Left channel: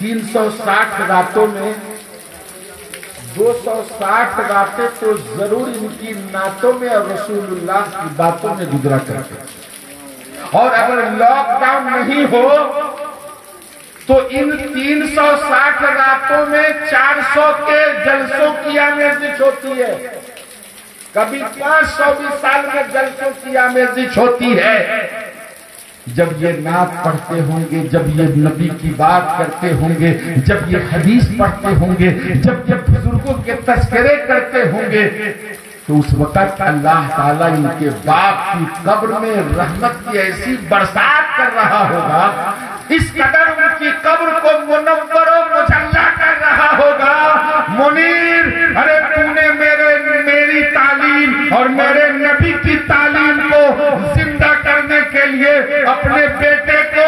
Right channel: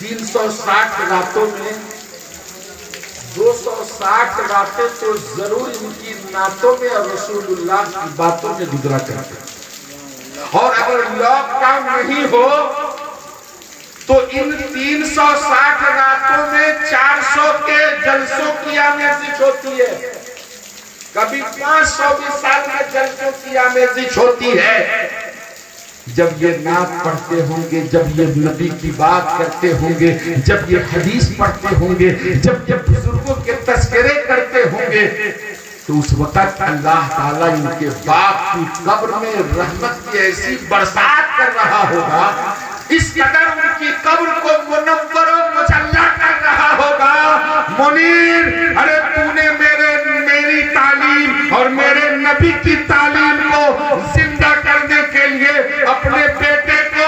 360 راتوں میں 260 راتیں تو ضرور ان کی نعتوں میں اور رسول اللہ کی باتوں میں گزرا کرتے، اور اگر لاک ڈاؤن نہیں ہو تو ان 360 راتوں میں 400 کے جلسوں کی آمیزش ہوتی ہے، کبھی 500 سال میں جلسوں کی آمیزش ہوتی ہے۔ جب یہ نعت پڑھتے ہوں گے، جب یہ نبی کی بات کرتے ہوں گے، جب یہ حدیث پڑھتے ہوں گے، جب یہ بزرگوں کے تذکرے کرتے ہوں گے، تو اس وقت اللہ تعالیٰ ان کے باپ کی قبر میں رحمت کی ایسی برسات کر رہا ہوگا، اس قدر ان کی قبر کو منور و مجلہ کر رہا ہوگا۔ منیر، ارے تو نے میری تعلیم اور میرے نبی کی تعلیم کو زندہ کرنے کے لیے اپنے بیٹے کو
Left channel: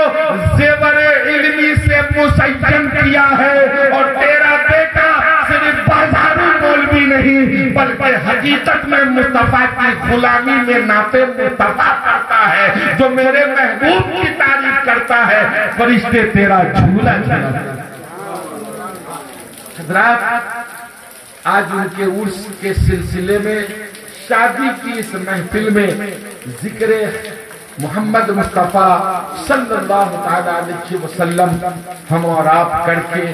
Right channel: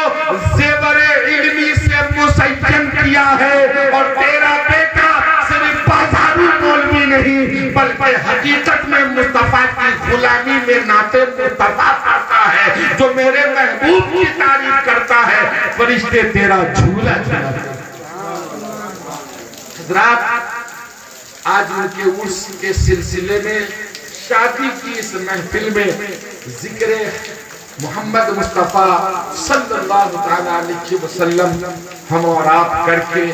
زیور علمی سے مسین کیا ہے، اور تیرا بیٹا صرف بازارو مولوی نہیں بلکہ حقیقت میں مصطفیٰ کی غلامی میں نعت مصطفیٰ پڑھتا ہے، جو میرے محبوب کی تعریف کرتا ہے، فرشتے تیرا جھولا جھولا۔ حضرات، آج ان کے عرس کے سلسلے میں شادی کی اس محفل میں ذکر محمد مصطفیٰ صلی اللہ تعالیٰ علیہ وسلم ہم اور آپ کر کے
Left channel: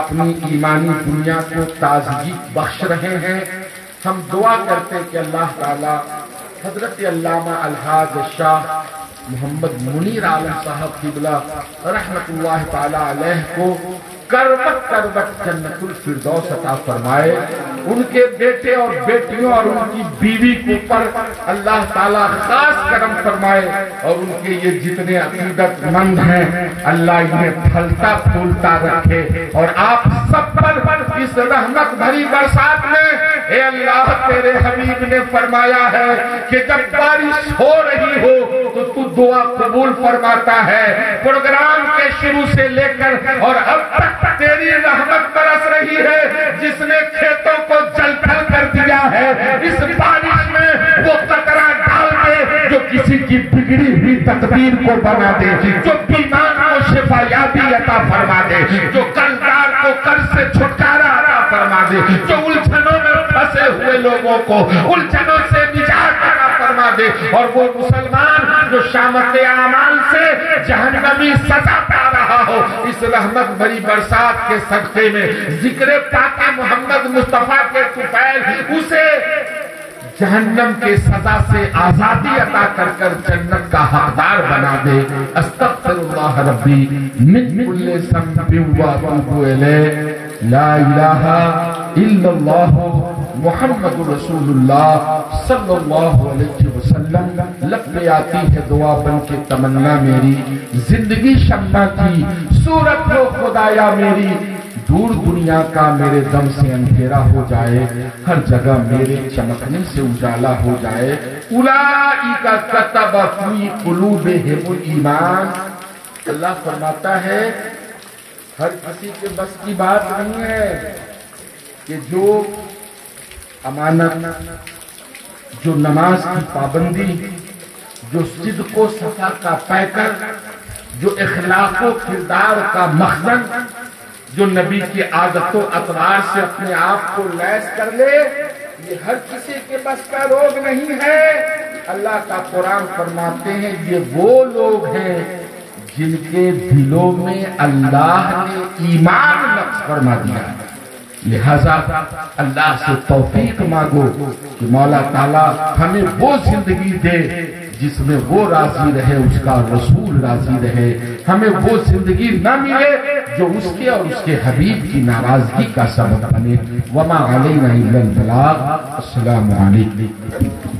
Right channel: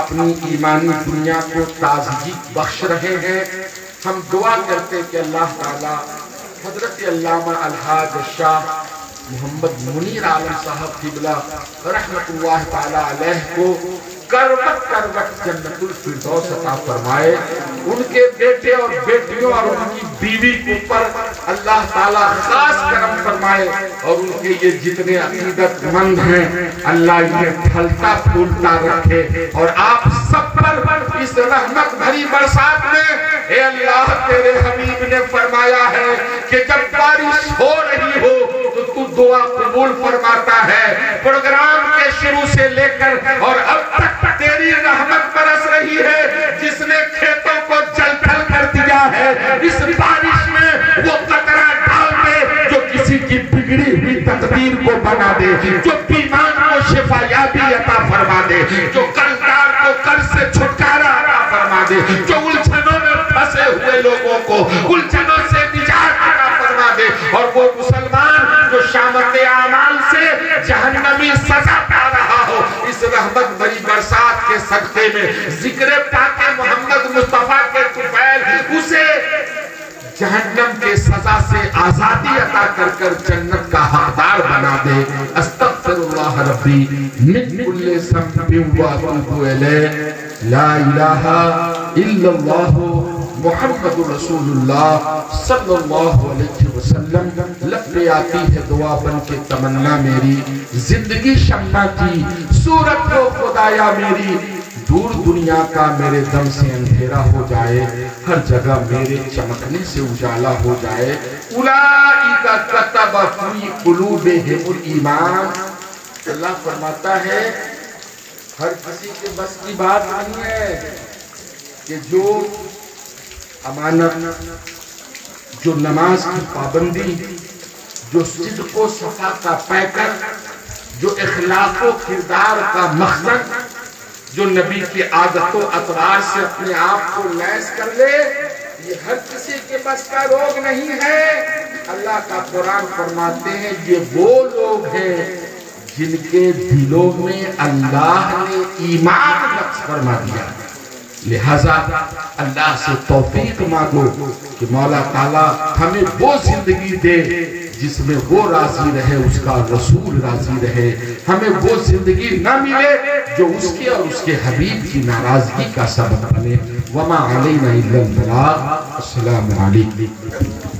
اپنی ایمانی دنیا کو تازگی بخش رہے ہیں۔ ہم دعا کرتے کہ اللہ تعالیٰ حضرت علامہ الحاج شاہ محمد منیر عالم صاحب قبلہ رحمت اللہ تعالیٰ علیہ کو کروٹ کروٹ جنت الفردوس عطا فرمائے، ان کے بیٹے اور بیٹیوں اور ان کی بیوی کے اوپر اللہ تعالیٰ خاص کرم فرمائے، اور ان کے یہ جتنے عقیدت مند ہیں اللہ انہیں پھلتا پھولتا رکھے، اور آپ سب پر اس رحمت بھری برسات میں، اے اللہ تیرے حبیب نے فرمایا ہے کہ جب بارش ہو رہی ہو تو دعا قبول فرماتا ہے۔ پروگرام کے شروع سے لے کر اور اب تک تیری رحمت برس رہی ہے، جس نے کھیتوں کو جل تھل کر دیا ہے، اس بارش میں وہ قطرہ ڈال دے جو کسی کی بگڑی ہوئی تقدیر کو بنا دے، جو بیمار کو شفا یابی عطا فرما دے، جو قرضدار کو قرض سے چھٹکارا عطا فرما دے، جو الجھنوں میں پھنسے ہوئے لوگوں کو الجھنوں سے نجات عطا فرما دے، اور وہ مسلمان جو شامت اعمال سے جہنمی سزا پا رہا ہو، اس رحمت بھری برسات کے صدقے میں ذکر پاک محمد مصطفیٰ کے طفیل اسے جہنم کے سزا سے آزادی عطا کر کر جنت کا حقدار بنا دے۔ استغفر اللہ ربی من کل ذنب و اتوب الیہ، لا الہ الا اللہ محمد رسول اللہ صلی اللہ علیہ وسلم۔ لب پہ آتی ہے دعا بن کے تمنا میری، زندگی شمع کی صورت ہو خدایا میری، دور دنیا کا میرے دم سے اندھیرا ہو جائے، ہر جگہ میرے چمکنے سے اجالا ہو جائے۔ اولئک کتب فی قلوبہم الایمان، اللہ فرماتا ہے ہر کسی کے بس کی بات نہیں ہے کہ جو امانت، جو نماز کی پابندی، جو صدق و صفا کا پیکر، جو اخلاق و کردار کا مخزن، جو نبی کی عادت و اطوار سے اپنے آپ کو لیس کر لے، یہ ہر کسی کے بس کا روگ نہیں ہے۔ اللہ کا قرآن فرماتے ہیں یہ وہ لوگ ہیں جن کے دلوں میں اللہ نے ایمان نقش فرما دیا، لہذا اللہ سے توفیق مانگو کہ مولا تعالیٰ ہمیں وہ زندگی دے جس میں وہ راضی رہے، اس کا رسول راضی رہے، ہمیں وہ زندگی نہ ملے جو اس کے اور اس کے حبیب کی ناراضگی کا سبب بنے۔ وما علینا الا البلاغ۔ السلام علیکم۔